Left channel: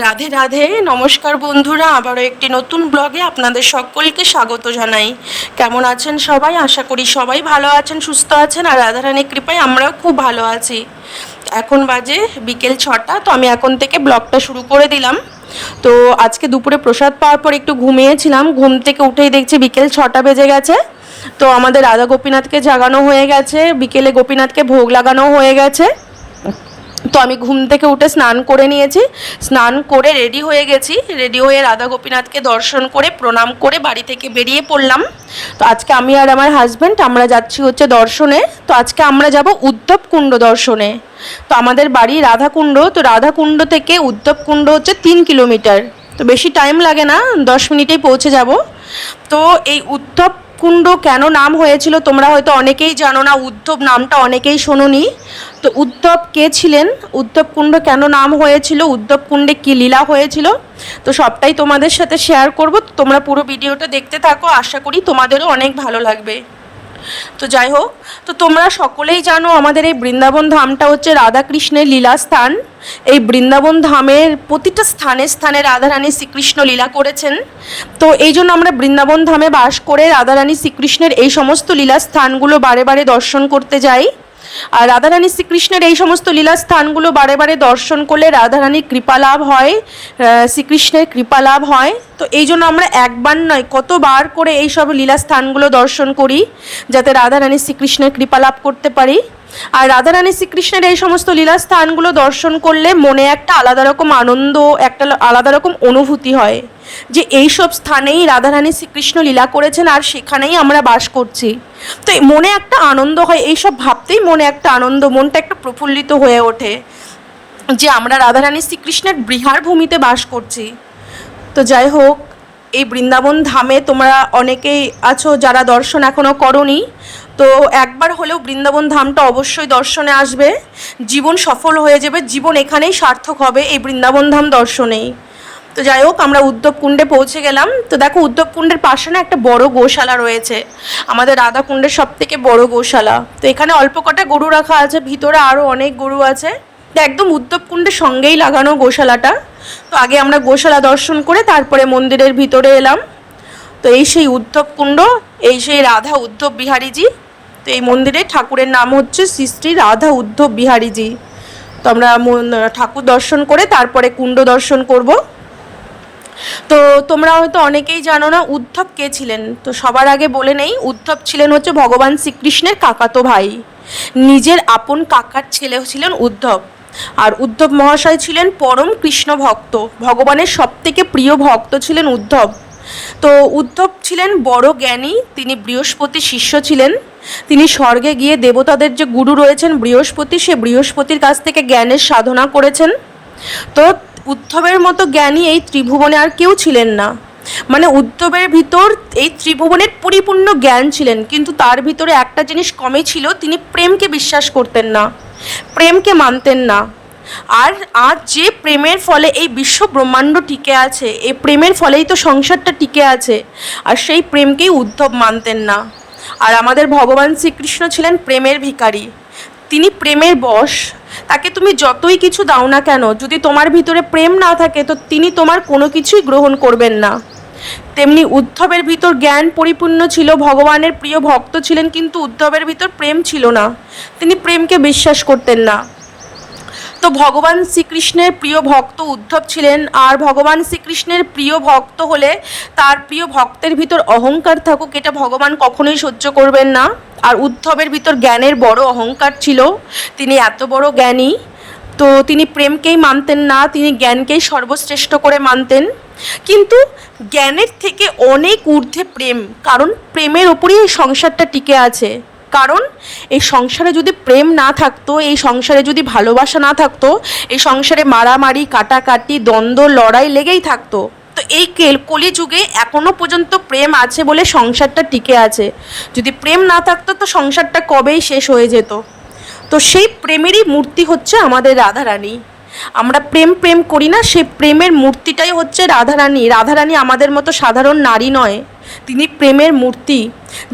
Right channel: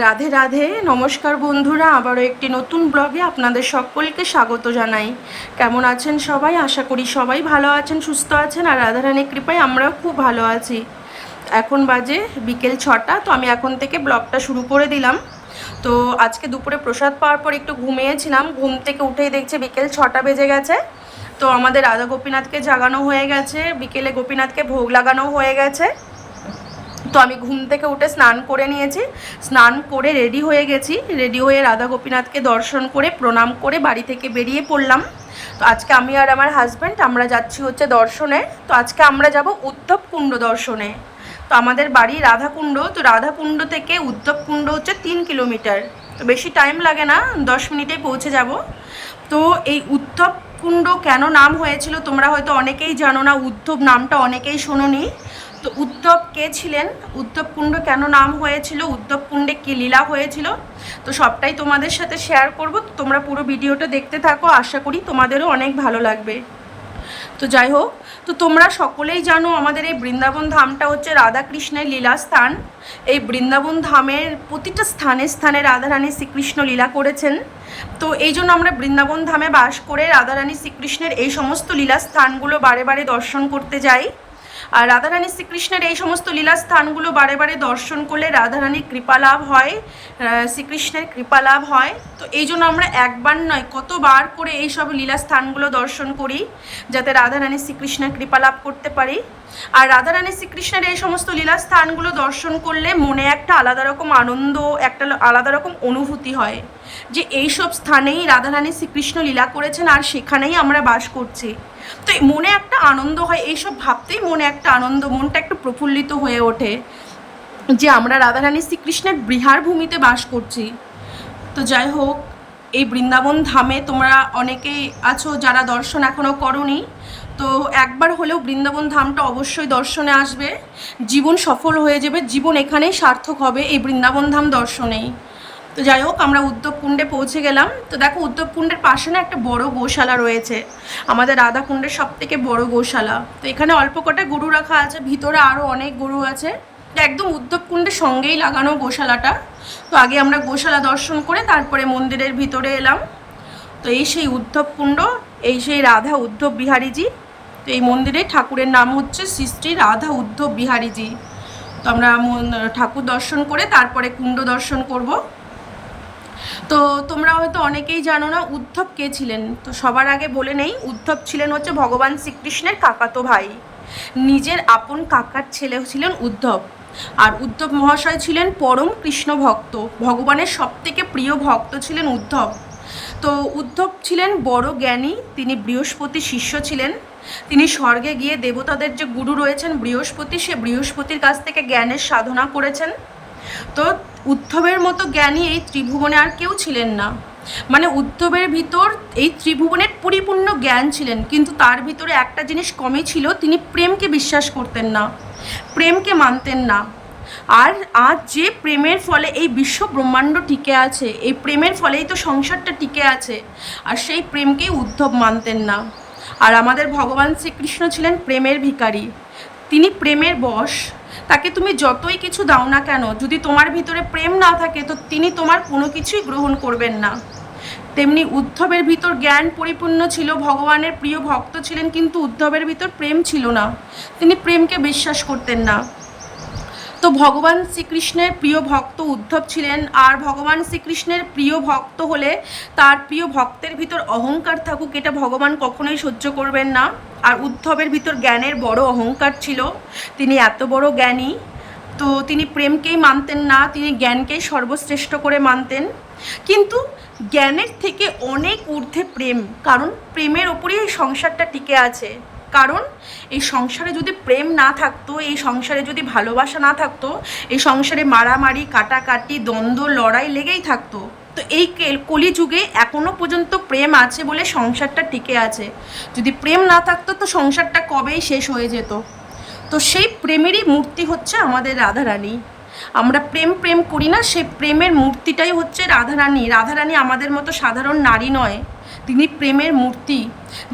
রাধে রাধে। নমস্কার বন্ধুরা, আবারও একটি নতুন ব্লগে আপনাদের সকলকে স্বাগত জানাই। কেমন আছেন সবাই? আশা করি সবাই ভালো আছেন, সুস্থ আছেন, আর রাধারানীর কৃপায় আমরাও খুব ভালো আছি। এখন বাজে বিকেল ছটা, তো আমি এখন থেকে ব্লগটা শুরু করে দিলাম। তো আজকে দুপুরে প্রসাদ পাওয়ার পর একটু ঘুমিয়েছিলাম, ঘুম থেকে উঠেই দেখছি বিকেল ছটা বেজে গেছে। তো আমাদের রাধা গোপীনাথকে জাগানো হয়ে গেছে, বিকেলে গোপীনাথকে ভোগ লাগানো হয়ে গেছে। তো আমি ঘুম থেকে উঠে স্নান করে নিয়েছি। স্নান করে রেডি হয়ে গেছি। রেডি হয়ে রাধা গোপীনাথকে দর্শন করে, প্রণাম করে বাড়ি থেকে বেরিয়ে পড়লাম। তো আজকে আমি আর আমার হাজব্যান্ড আমরা যাচ্ছি হচ্ছে দর্শনে। তো আজকে আমরা যাব উদ্ধব কুণ্ড দর্শনে। তো আমাদের বাড়ি রাধাকুণ্ড। তো রাধাকুণ্ড থেকে উদ্ধব কুণ্ড হচ্ছে তিন কিলোমিটার। তো বেশি টাইম লাগে না, দশ মিনিটেই পৌঁছে যাব। তো এই উদ্ধব কুণ্ড কেন নাম হয়েছিল তোমরা হয়তো অনেকেই জানো না, উদ্ধব নামটা অনেকেই শোনোনি। তো উদ্ধব কে ছিলেন? উদ্ধব কুণ্ড কেন নাম হয়েছিল? উদ্ধব কুণ্ডে কী লীলা হয়েছিল? তো সবটাই তোমাদের সাথে শেয়ার করব। তোমরা পুরো ভিডিওটা দেখতে থাকো। আশা করি তোমাদেরও অনেক ভালো লাগবে। তো যাই হোক, তো তোমরা সকলেই জানো আমাদের এই বৃন্দাবন ধামটা হচ্ছে রাধাকৃষ্ণের লীলা স্থান। এই বৃন্দাবন ধামের প্রতিটা স্থানে স্থানে রাধারানী শ্রীকৃষ্ণ লীলা করেছেন। তো এই জন্য আমরা বৃন্দাবন ধামে বাস করে রাধারানী শ্রীকৃষ্ণের এই সমস্ত লীলা স্থানগুলো বারে বারে দর্শন করতে যাই। আর রাধারানী শ্রীকৃষ্ণের এই সমস্ত লীলা স্থানগুলো বারে বারে দর্শন করলে রাধারানীর কৃপা লাভ হয় শ্রীকৃষ্ণের কৃপা লাভ হয়। তো এই জন্য আমরা একবার নয়, কতবার করে এই সব লীলা স্থানগুলো দর্শন করি, যাতে রাধারানী শ্রীকৃষ্ণের কৃপা লাভ করতে পারি। আর রাধারানী শ্রীকৃষ্ণের এই সমস্ত লীলা স্থানগুলো দর্শন করলে মনে একটা আলাদা রকম আনন্দ, একটা আলাদা রকম অনুভূতি হয় যে এই সব স্থানেই রাধারানী শ্রীকৃষ্ণ লীলা করেছেন আর সেখানেই আমরা বাস করছি। তো মনে একটা আনন্দ হয় এইসব ভাবতেই মনে একটা আনন্দ, মনটা একটু প্রফুল্লিত হয়ে ওঠে যে আমরা রাধারানী শ্রীকৃষ্ণের বৃহার ভূমিতে বাস করছি। তো যাই হোক, এই বৃন্দাবন ধামে তোমরা অনেকেই আছো যারা দর্শন এখনও করনি তো একবার হলেও বৃন্দাবন ধামটা অবশ্যই দর্শনে আসবে। জীবন সফল হয়ে যাবে, জীবন এখানেই সার্থক হবে এই বৃন্দাবন ধাম দর্শনেই। তো যাই হোক, আমরা উদ্ধব কুণ্ডে পৌঁছে গেলাম। তো দেখো উদ্ধব কুণ্ডের পাশে না একটা বড় গোশালা রয়েছে। আমাদের রাধা কুণ্ডের সব থেকে বড় গোশালা। তো এখানে অল্প কটা গরু রাখা আছে, ভিতরে আরও অনেক গরু আছে। তো একদম উদ্ধব কুণ্ডের সঙ্গেই লাগানো গোশালাটা। তো আগে আমরা গোশালা দর্শন করে তারপরে মন্দিরের ভিতরে এলাম। তো এই সেই উদ্ধব কুণ্ড এই সেই রাধা উদ্ধব বিহারীজি তো এই মন্দিরে ঠাকুরের নাম হচ্ছে শ্রী শ্রী রাধা উদ্ধব বিহারীজি। তো আমরা ঠাকুর দর্শন করে তারপরে কুণ্ড দর্শন করব। তো তোমরা হয়তো অনেকেই জানো না উদ্ধব কে ছিলেন? তো সবার আগে বলে নেই, উদ্ধব ছিলেন হচ্ছে ভগবান শ্রীকৃষ্ণের কাকাতো ভাই। নিজের আপন কাকার ছেলে ছিলেন উদ্ধব। আর উদ্ধব মহাশয় ছিলেন পরম কৃষ্ণ ভক্ত। ভগবানের সবথেকে প্রিয় ভক্ত ছিলেন উদ্ধব। তো উদ্ধব ছিলেন বড় জ্ঞানী, তিনি বৃহস্পতি শিষ্য ছিলেন। তিনি স্বর্গে গিয়ে দেবতাদের যে গুরু রয়েছেন বৃহস্পতি, সে বৃহস্পতির কাছ থেকে জ্ঞানের সাধনা করেছেন। তো উদ্ধবের মতো জ্ঞানী এই ত্রিভুবনে আর কেউ ছিলেন না। মানে উদ্ধবের ভিতর এই ত্রিভুবনের পরিপূর্ণ জ্ঞান ছিলেন, কিন্তু তার ভিতরে একটা জিনিস কমই ছিল, তিনি প্রেমকে বিশ্বাস করতেন না, প্রেমকে মানতেন না। আর আজ যে প্রেমের ফলে এই বিশ্ব ব্রহ্মাণ্ড টিকে আছে, এই প্রেমের ফলেই তো সংসারটা টিকে আছে, আর সেই প্রেমকেই উদ্ধব মানতেন না। আর আমাদের ভগবান শ্রীকৃষ্ণ ছিলেন প্রেমের ভিকারী তিনি প্রেমের বশ। তাকে তুমি যতই কিছু দাও না কেন, যদি তোমার ভিতরে প্রেম না থাকে, তো তিনি তোমার কোনো কিছুই গ্রহণ করবেন না। তেমনি উদ্ধবের ভিতর জ্ঞান পরিপূর্ণ ছিল, ভগবানের প্রিয় ভক্ত ছিলেন, কিন্তু উদ্ধবের ভিতর প্রেম ছিল না। তিনি প্রেমকে বিশ্বাস করতেন না। তো ভগবান শ্রীকৃষ্ণের প্রিয় ভক্ত উদ্ধব ছিলেন, আর ভগবান শ্রীকৃষ্ণের প্রিয় ভক্ত হলে তার প্রিয় ভক্তের ভিতর অহংকার থাকুক, এটা ভগবান কখনোই সহ্য করবেন না। আর উদ্ধবের ভিতর জ্ঞানের বড় অহংকার ছিল, তিনি এত বড় জ্ঞানী। তো তিনি প্রেমকেই মানতেন না, তিনি জ্ঞানকেই সর্বশ্রেষ্ঠ করে মানতেন। কিন্তু জ্ঞানের থেকে অনেক ঊর্ধ্বে প্রেম, কারণ প্রেমের ওপরেই সংসারটা টিকে আছে। কারণ এই সংসারে যদি প্রেম না থাকতো, এই সংসারে যদি ভালোবাসা না থাকতো, এই সংসারে মারামারি, কাটাকাটি, দ্বন্দ্ব, লড়াই লেগেই থাকতো। তো এই কেল- কলিযুগে এখনও পর্যন্ত প্রেম আছে বলে সংসারটা টিকে আছে। যদি প্রেম না থাকতো, তো সংসারটা কবেই শেষ হয়ে যেত। তো সেই প্রেমেরই মূর্তি হচ্ছে আমাদের রাধারানী। আমরা প্রেম প্রেম করি না, সেই প্রেমের মূর্তিটাই হচ্ছে রাধারানী। রাধারানী আমাদের মতো সাধারণ নারী নয়। তিনি প্রেমের মূর্তি।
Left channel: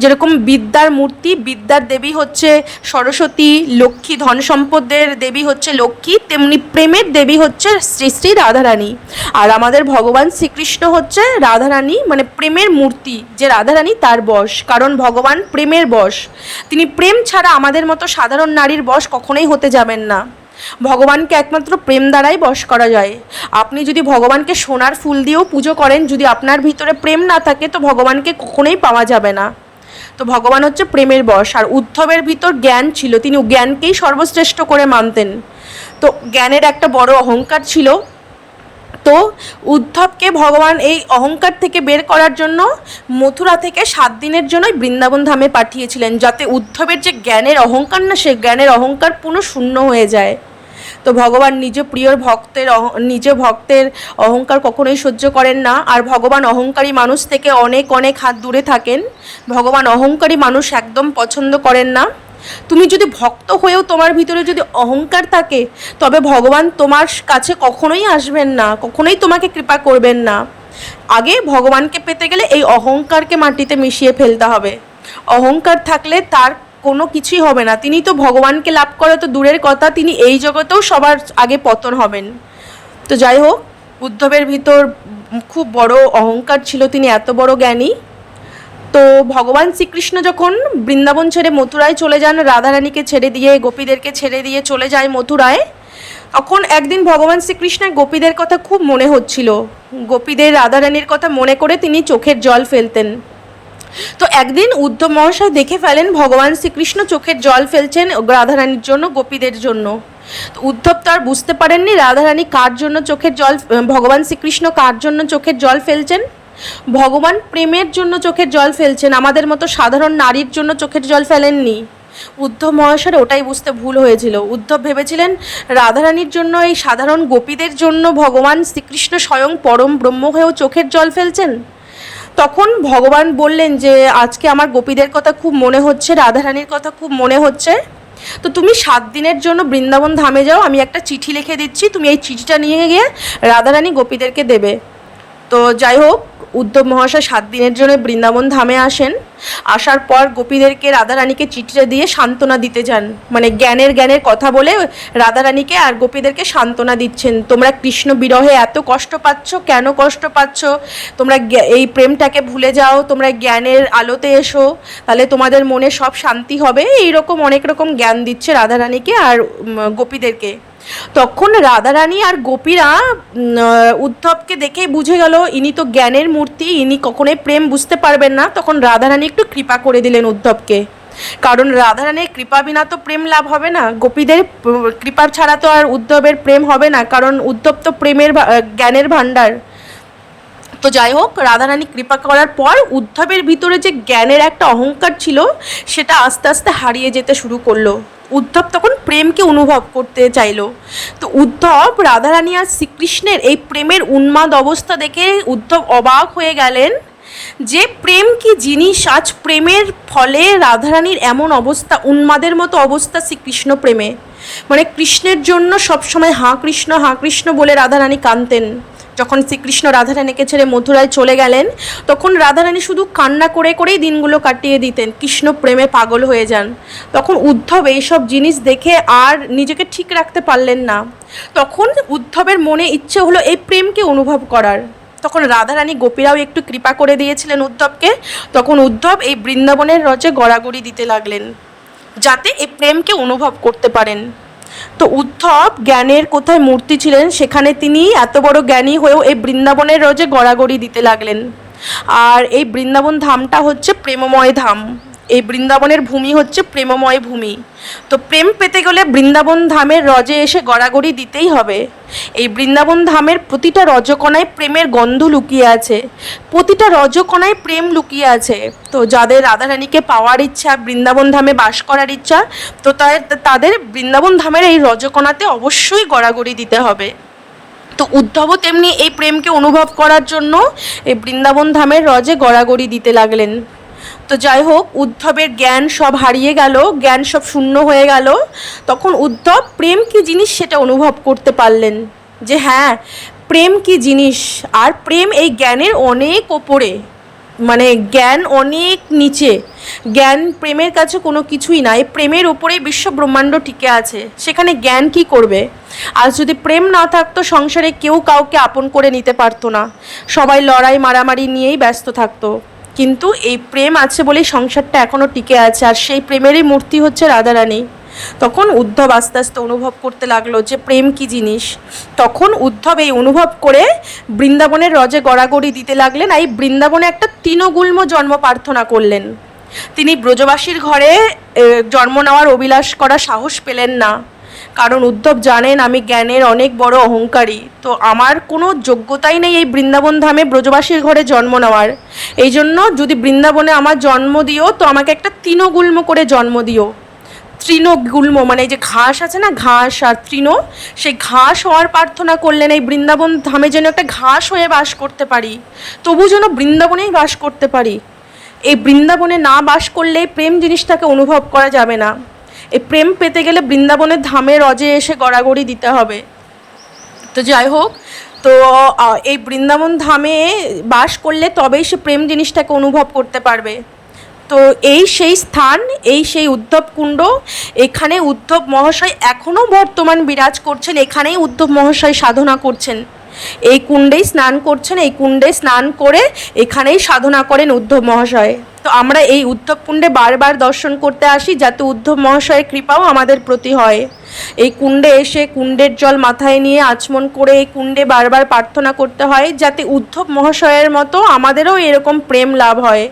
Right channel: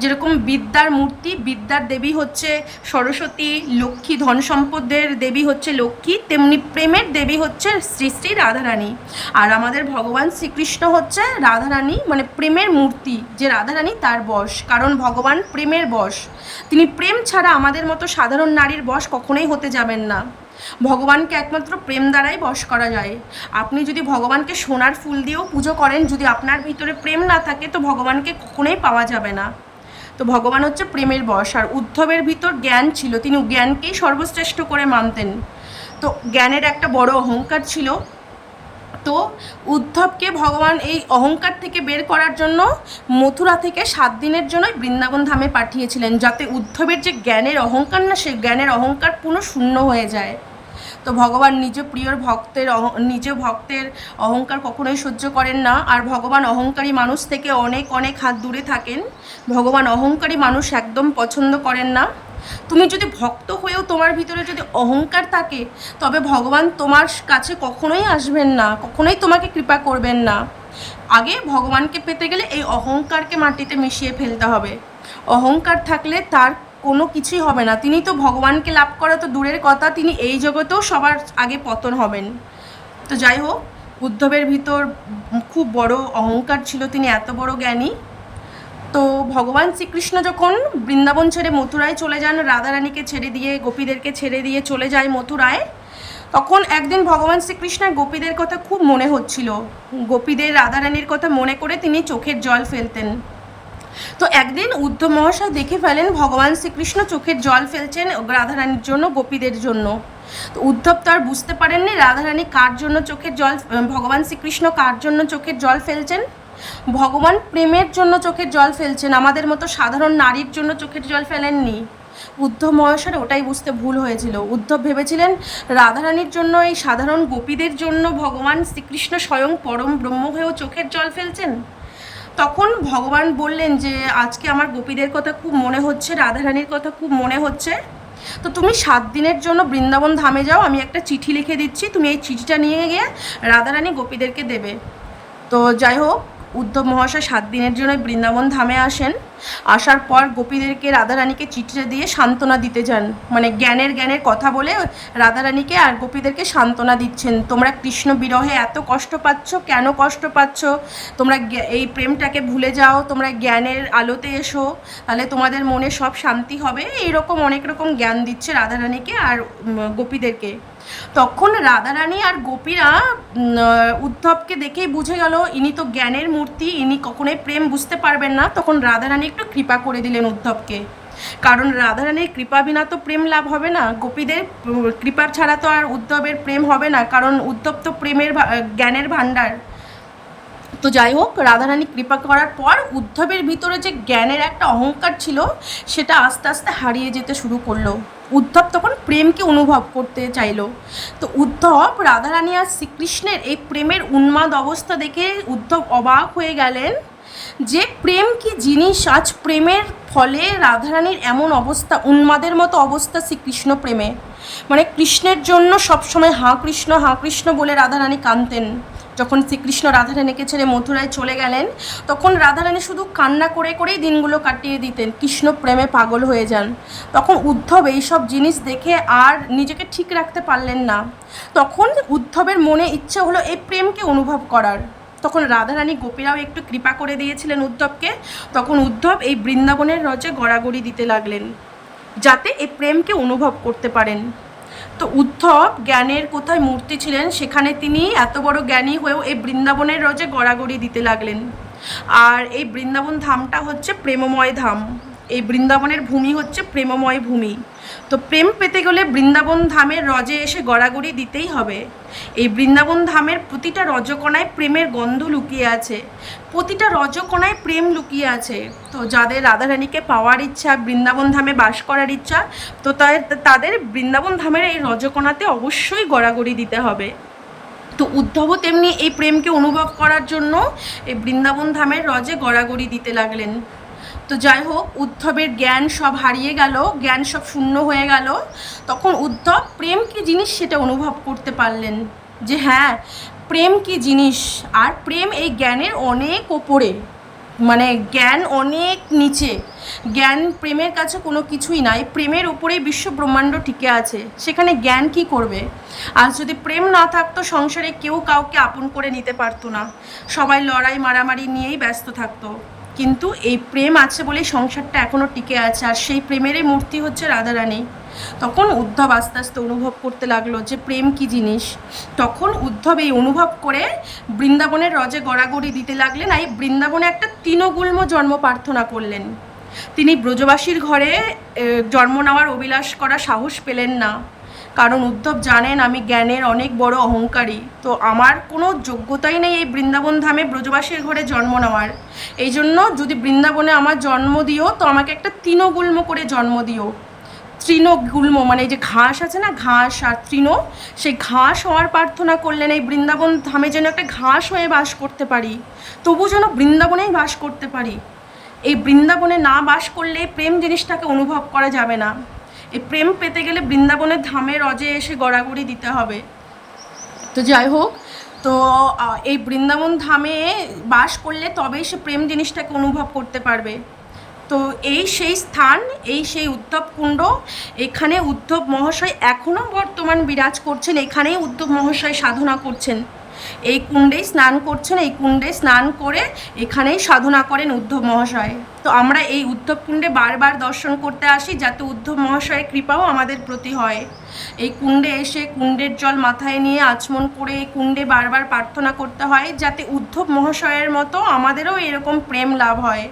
যেরকম বিদ্যার মূর্তি, বিদ্যার দেবী হচ্ছে সরস্বতী, লক্ষ্মী ধন সম্পদের দেবী হচ্ছে লক্ষ্মী, তেমনি প্রেমের দেবী হচ্ছে শ্রী শ্রী রাধারানী। আর আমাদের ভগবান শ্রীকৃষ্ণ হচ্ছে রাধারানী মানে প্রেমের মূর্তি, যে রাধারানী তার বশ, কারণ ভগবান প্রেমের বশ। তিনি প্রেম ছাড়া আমাদের মতো সাধারণ নারীর বশ কখনোই হতে যাবেন না। ভগবানকে একমাত্র প্রেম দ্বারাই বশ করা যায়। আপনি যদি ভগবানকে সোনার ফুল দিয়েও পুজো করেন, যদি আপনার ভিতরে প্রেম না থাকে, তো ভগবানকে কখনোই পাওয়া যাবে না। তো ভগবান হচ্ছে প্রেমের বশ, আর উদ্ধবের ভিতর জ্ঞান ছিল, তিনি জ্ঞানকেই সর্বশ্রেষ্ঠ করে মানতেন। তো জ্ঞানের একটা বড় অহংকার ছিল। তো উদ্ধবকে ভগবান এই অহংকার থেকে বের করার জন্য মথুরা থেকে সাত দিনের জন্যই বৃন্দাবন ধামে পাঠিয়েছিলেন, যাতে উদ্ধবের যে জ্ঞানের অহংকার না, সে জ্ঞানের অহংকার পুরো শূন্য হয়ে যায়। তো ভগবান নিজ প্রিয় ভক্তের নিজ ভক্তের অহংকার কখনোই সহ্য করেন না। আর ভগবান অহংকারী মানুষ থেকে অনেক অনেক হাত দূরে থাকেন। ভগবান অহংকারী মানুষ একদম পছন্দ করেন না। তুমি যদি ভক্ত হয়েও তোমার ভিতরে যদি অহংকার থাকে, তবে ভগবান তোমার কাছে কখনোই আসবেন না, কখনোই তোমাকে কৃপা করবেন না। আগে ভগবানকে পেতে গেলে এই অহংকারকে মাটিতে মিশিয়ে ফেলতে হবে। অহংকার থাকলে তার কোনো কিছুই হবে না। তিনি তো ভগবানকে লাভ করা তো দূরের কথা, তিনি এই জগতেও সবার আগে পতন হবেন। তো যাই হোক, উদ্ধবের ভিতর খুব বড় অহংকার ছিল, তিনি এত বড় জ্ঞানী। তো ভগবান শ্রীকৃষ্ণ যখন বৃন্দাবন ছেড়ে মথুরায় চলে যান, রাধারানীকে ছেড়ে দিয়ে, গোপীদেরকে ছেড়ে দিয়ে চলে যায় মথুরায়, তখন একদিন ভগবান শ্রীকৃষ্ণের গোপীদের কথা খুব মনে হচ্ছিল। গোপীদের, রাধারানীর কথা মনে করে তিনি চোখের জল ফেলতেন। তো একদিন উদ্ধব মহাশয় দেখে ফেলেন ভগবান শ্রীকৃষ্ণ চোখের জল ফেলছেন রাধারানীর জন্য, গোপীদের জন্য। তো উদ্ধব তো আর বুঝতে পারেননি রাধারানী কার জন্য চোখের জল, ভগবান শ্রীকৃষ্ণ কার জন্য চোখের জল ফেলছেন? ভগবান প্রেমের জন্য চোখের জল ফেলছেন, আমাদের মতো সাধারণ নারীর জন্য চোখের জল ফেলেননি। উদ্ধব মহাশয়ের ওটাই বুঝতে ভুল হয়েছিল। উদ্ধব ভেবেছিলেন রাধারানীর জন্য, এই সাধারণ গোপীদের জন্য ভগবান শ্রীকৃষ্ণ স্বয়ং পরম ব্রহ্ম হয়েও চোখের জল ফেলছেন? তখন ভগবান বললেন যে, আজকে আমার গোপীদের কথা খুব মনে হচ্ছে, রাধারানীর কথা খুব মনে হচ্ছে। তো তুমি সাত দিনের জন্য বৃন্দাবন ধামে যাও, আমি একটা চিঠি লিখে দিচ্ছি, তুমি এই চিঠিটা নিয়ে গিয়ে রাধারানী গোপীদেরকে দেবে। তো যাই হোক উদ্ধব মহাশয় সাত দিনের জন্য বৃন্দাবন ধামে আসেন। আসার পর গোপীদেরকে রাধারানীকে চিঠিটা দিয়ে সান্ত্বনা দিতে যান। মানে জ্ঞানের জ্ঞানের কথা বলে রাধারানীকে আর গোপীদেরকে সান্ত্বনা দিচ্ছেন। তোমরা কৃষ্ণ বিরহে এত কষ্ট পাচ্ছ, কেন কষ্ট পাচ্ছ? তোমরা এই প্রেমটাকে ভুলে যাও, তোমরা জ্ঞানের আলোতে এসো। তাহলে তোমাদের মনে সব শান্তি হবে। এইরকম অনেক রকম জ্ঞান দিচ্ছে রাধারানীকে আর গোপীদেরকে। তখন রাধারানী আর গোপীরা উদ্ধবকে দেখেই বুঝে গেল, ইনি তো জ্ঞানের মূর্তি, ইনি কখনোই প্রেম বুঝতে পারবেন না। তখন রাধারানী একটু কৃপা করে দিলেন উদ্ধবকে। কারণ রাধারানীর কৃপা বিনা তো প্রেম লাভ হবে না। গোপীদের প- কৃপার ছাড়া তো আর উদ্ধবের প্রেম হবে না। কারণ উদ্ধব তো প্রেমের জ্ঞানের ভাণ্ডার। তো যাই হোক, রাধারানী কৃপা করার পর উদ্ধবের ভিতরে যে জ্ঞানের একটা অহংকার ছিল, সেটা আস্তে আস্তে হারিয়ে যেতে শুরু করল। উদ্ধব তখন প্রেমকে অনুভব করতে চাইলো। তো উদ্ধব রাধারানী আর শ্রীকৃষ্ণের এই প্রেমের উন্মাদ অবস্থা দেখে উদ্ধব অবাক হয়ে গেলেন যে প্রেম কি জিনিস? আজ প্রেমের ফলে রাধারানীর এমন অবস্থা, উন্মাদের মতো অবস্থা শ্রীকৃষ্ণ প্রেমে। মানে কৃষ্ণের জন্য সবসময় হাঁ কৃষ্ণ হাঁ কৃষ্ণ বলে রাধারানী কানতেন যখন শ্রীকৃষ্ণ রাধারানীকে ছেড়ে মথুরায় চলে গেলেন, তখন রাধারানী শুধু কান্না করে করেই দিনগুলো কাটিয়ে দিতেন, কৃষ্ণ প্রেমে পাগল হয়ে যান। তখন উদ্ধব এইসব জিনিস দেখে আর নিজেকে ঠিক রাখতে পারলেন না। তখন উদ্ধবের মনে ইচ্ছে হলো এই প্রেমকে অনুভব করার। তখন রাধারানী গোপীরাও একটু কৃপা করে দিয়েছিলেন উদ্ধবকে। তখন উদ্ধব এই বৃন্দাবনের রচে গড়াগড়ি দিতে লাগলেন, যাতে এই প্রেমকে অনুভব করতে পারেন। তো উদ্ধব জ্ঞানের কোথায় মূর্তি ছিলেন, সেখানে তিনি এত বড় জ্ঞানী হয়েও এই বৃন্দাবনের রজে গড়াগড়ি দিতে লাগলেন। আর এই বৃন্দাবন ধামটা হচ্ছে প্রেমময় ধাম। এই বৃন্দাবনের ভূমি হচ্ছে প্রেমময় ভূমি। তো প্রেম পেতে গেলে বৃন্দাবন ধামের রজে এসে গড়াগড়ি দিতেই হবে। এই বৃন্দাবন ধামের প্রতিটা রজকণায় প্রেমের গন্ধ লুকিয়ে আছে। প্রতিটা রজকণায় প্রেম লুকিয়ে আছে। তো যাদের রাধারানীকে পাওয়ার ইচ্ছা, বৃন্দাবন ধামে বাস করার ইচ্ছা, তো তাদের বৃন্দাবন ধামের এই রজকণাতে অবশ্যই গড়াগড়ি দিতে হবে। তো উদ্ধবও তেমনি এই প্রেমকে অনুভব করার জন্য এই বৃন্দাবন ধামের রজে গড়াগড়ি দিতে লাগলেন। তো যাই হোক, উদ্ধবের জ্ঞান সব হারিয়ে গেল, জ্ঞান সব শূন্য হয়ে গেল। তখন উদ্ধব প্রেম কি জিনিস সেটা অনুভব করতে পারলেন যে হ্যাঁ প্রেম কি জিনিস? আর প্রেম এই জ্ঞানের অনেক ওপরে মানে জ্ঞান অনেক নিচে। জ্ঞান প্রেমের কাছে কোনো কিছুই নাই প্রেমের উপরেই বিশ্ব ব্রহ্মাণ্ড টিকে আছে। সেখানে জ্ঞান কি করবে? আর যদি প্রেম না থাকতো, সংসারে কেউ কাউকে আপন করে নিতে পারতো না। সবাই লড়াই মারামারি নিয়েই ব্যস্ত থাকতো। কিন্তু এই প্রেম আছে বলেই সংসারটা এখনও টিকে আছে, আর সেই প্রেমেরই মূর্তি হচ্ছে রাধারানী। তখন উদ্ধব আস্তে আস্তে অনুভব করতে লাগল যে প্রেম কি জিনিস। তখন উদ্ধব এই অনুভব করে বৃন্দাবনের রজে গড়াগড়ি দিতে লাগলেন এই বৃন্দাবনে একটা তৃণগুল্ম জন্ম প্রার্থনা করলেন। তিনি ব্রজবাসীর ঘরে জন্ম নেওয়ার অভিলাষ করা সাহস পেলেন না। কারণ উদ্ধব জানেন আমি জ্ঞানের অনেক বড় অহংকারী। তো আমার কোনো যোগ্যতাই নেই এই বৃন্দাবন ধামে ব্রজবাসীর ঘরে জন্ম নেওয়ার। এই জন্য যদি বৃন্দাবনে আমার জন্ম দিও, তো আমাকে একটা তৃণগুল্ম করে জন্ম দিও। তৃণগুল্ম মানে যে ঘাস আছে না, ঘাস আর তৃণ, সেই ঘাস হওয়ার প্রার্থনা করলেন এই বৃন্দাবন ধামে যেন একটা ঘাস হয়ে বাস করতে পারি। তবু যেন বৃন্দাবনেই বাস করতে পারি। এই বৃন্দাবনে না বাস করলে প্রেম জিনিসটাকে অনুভব করা যাবে না। এই প্রেম পেতে গেলে বৃন্দাবনের ধামে, রজে এসে গড়াগড়ি দিতে হবে। তো যাই হোক, তো এই বৃন্দাবন ধামে বাস করলে তবেই সে প্রেম জিনিসটাকে অনুভব করতে পারবে। তো এই সেই স্থান, এই সেই উদ্ধব কুণ্ড, এখানে উদ্ধব মহাশয় এখনও বর্তমান বিরাজ করছেন, এখানেই উদ্ধব মহাশয় সাধনা করছেন। এই কুণ্ডেই স্নান করছেন, এই কুণ্ডে স্নান করে এখানেই সাধনা করেন উদ্ধব মহাশয়। তো আমরা এই উদ্ধব কুণ্ডে বারবার দর্শন করতে আসি, যাতে উদ্ধব মহাশয়ের কৃপাও আমাদের প্রতি হয়। এই কুণ্ডে এসে কুণ্ডের জল মাথায় নিয়ে আচমন করে এই কুণ্ডে বারবার প্রার্থনা করতে হয়, যাতে উদ্ধব মহাশয়ের মতো আমাদেরও এরকম প্রেম লাভ হয়।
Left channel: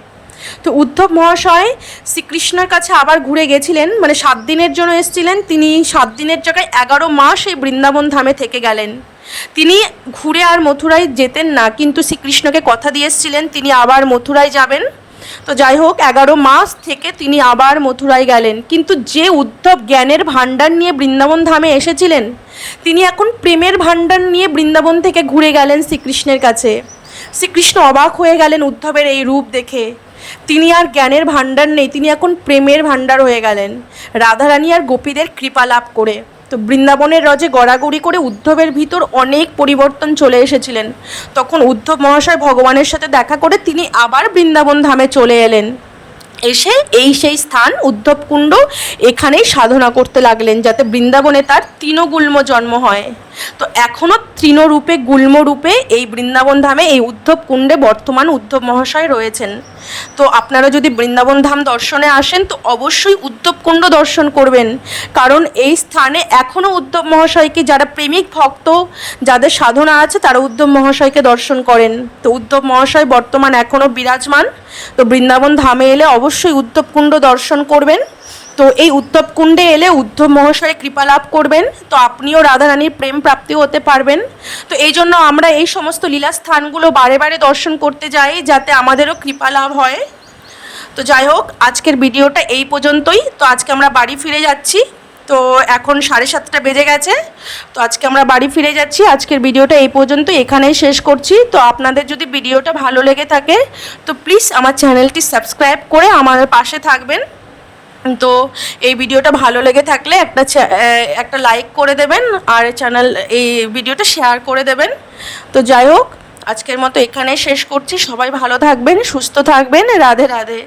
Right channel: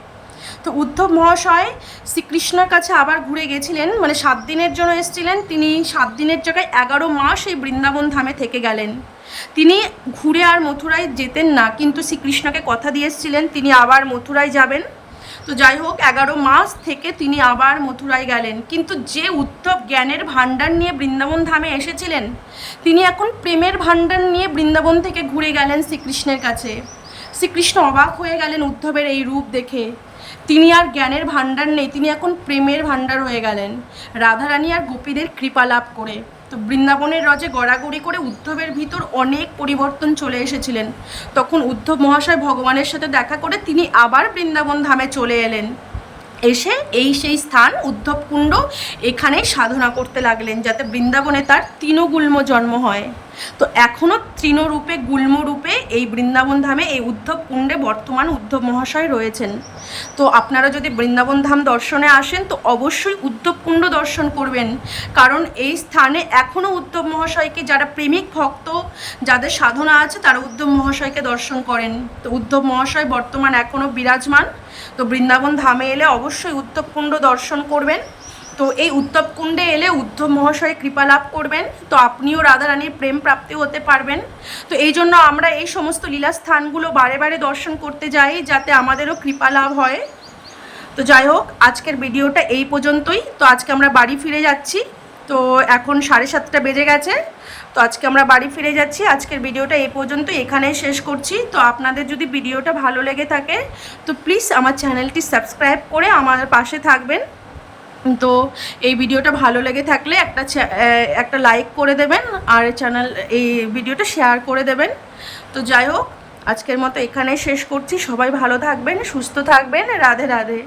তো উদ্ধব মহাশয় শ্রীকৃষ্ণের কাছে আবার ঘুরে গেছিলেন মানে সাত দিনের জন্য এসেছিলেন, তিনি সাত দিনের জায়গায় এগারো মাস এই বৃন্দাবন ধামে থেকে গেলেন। তিনি ঘুরে আর মথুরায় যেতেন না, কিন্তু শ্রীকৃষ্ণকে কথা দিয়ে এসেছিলেন, তিনি আবার মথুরায় যাবেন। তো যাই হোক, এগারো মাস থেকে তিনি আবার মথুরায় গেলেন। কিন্তু যে উদ্ধব জ্ঞানের ভাণ্ডার নিয়ে বৃন্দাবন ধামে এসেছিলেন, তিনি এখন প্রেমের ভাণ্ডার নিয়ে বৃন্দাবন থেকে ঘুরে গেলেন শ্রীকৃষ্ণের কাছে। শ্রীকৃষ্ণ অবাক হয়ে গেলেন উদ্ধবের এই রূপ দেখে। তিনি আর জ্ঞানের ভাণ্ডার নেই, তিনি এখন প্রেমের ভাণ্ডার হয়ে গেলেন। রাধারানী আর গোপীদের কৃপা লাভ করে। তো বৃন্দাবনের রজে গড়াগড়ি করে উদ্ধবের ভিতর অনেক পরিবর্তন চলে এসেছিলেন। তখন উদ্ধব মহাশয় ভগবানের সাথে দেখা করে তিনি আবার বৃন্দাবন ধামে চলে এলেন। এসে এই সেই স্থান উদ্ধব কুণ্ড এখানেই সাধনা করতে লাগলেন যাতে বৃন্দাবনে তার তৃণগুল্ম জন্ম হয়। তো এখনও তৃণরূপে, গুল্মরূপে এই বৃন্দাবন ধামে এই উদ্ধব কুণ্ডে বর্তমান উদ্ধব মহাশয় রয়েছেন। তো আপনারা যদি বৃন্দাবন ধাম দর্শনে আসেন, তো অবশ্যই উদ্ধব কুণ্ড দর্শন করবেন। কারণ এই স্থানে এখনও উদ্ধব মহাশয়কে যারা প্রেমিক ভক্ত, যাদের সাধনা আছে, তারা উদ্ধব মহাশয়কে দর্শন করেন। তো উদ্ধব মহাশয় বর্তমান এখনও বিরাজমান। তো বৃন্দাবন ধামে এলে অবশ্যই উদ্ধব কুণ্ড দর্শন করবেন। তো এই উদ্ধব কুণ্ডে এলে উদ্ধব মহাশয়ের কৃপা লাভ করবেন। তো আপনিও রাধারানীর প্রেম প্রাপ্তি হতে পারবেন। তো এই জন্য আমরা এই সমস্ত লীলা স্থানগুলো বারে বারে দর্শন করতে যাই, যাতে আমাদেরও কৃপা লাভ হয়। তো যাই হোক, আজকের ভিডিওটা এই পর্যন্তই। তো আজকে আমরা বাড়ি ফিরে যাচ্ছি। তো এখন সাড়ে সাতটা বেজে গেছে। তো আজকে আমরা বাড়ি ফিরে যাচ্ছি। আজকের ভিডিওটা এই পর্যন্ত এখানেই শেষ করছি। তো আপনাদের যদি ভিডিওটা ভালো লেগে থাকে, তো প্লিজ আমার চ্যানেলটি সাবস্ক্রাইব করে আমাদের পাশে থাকবেন। তো এই ভিডিওটা ভালো লেগে থাকলে একটা একটা লাইক করে দেবেন আর চ্যানেল এই ভিডিওটা শেয়ার করে দেবেন। তো যাই হোক, আজকের মতো এখানে শেষ করছি। সবাই ভালো থাকবেন, সুস্থ থাকবেন। রাধে রাধে।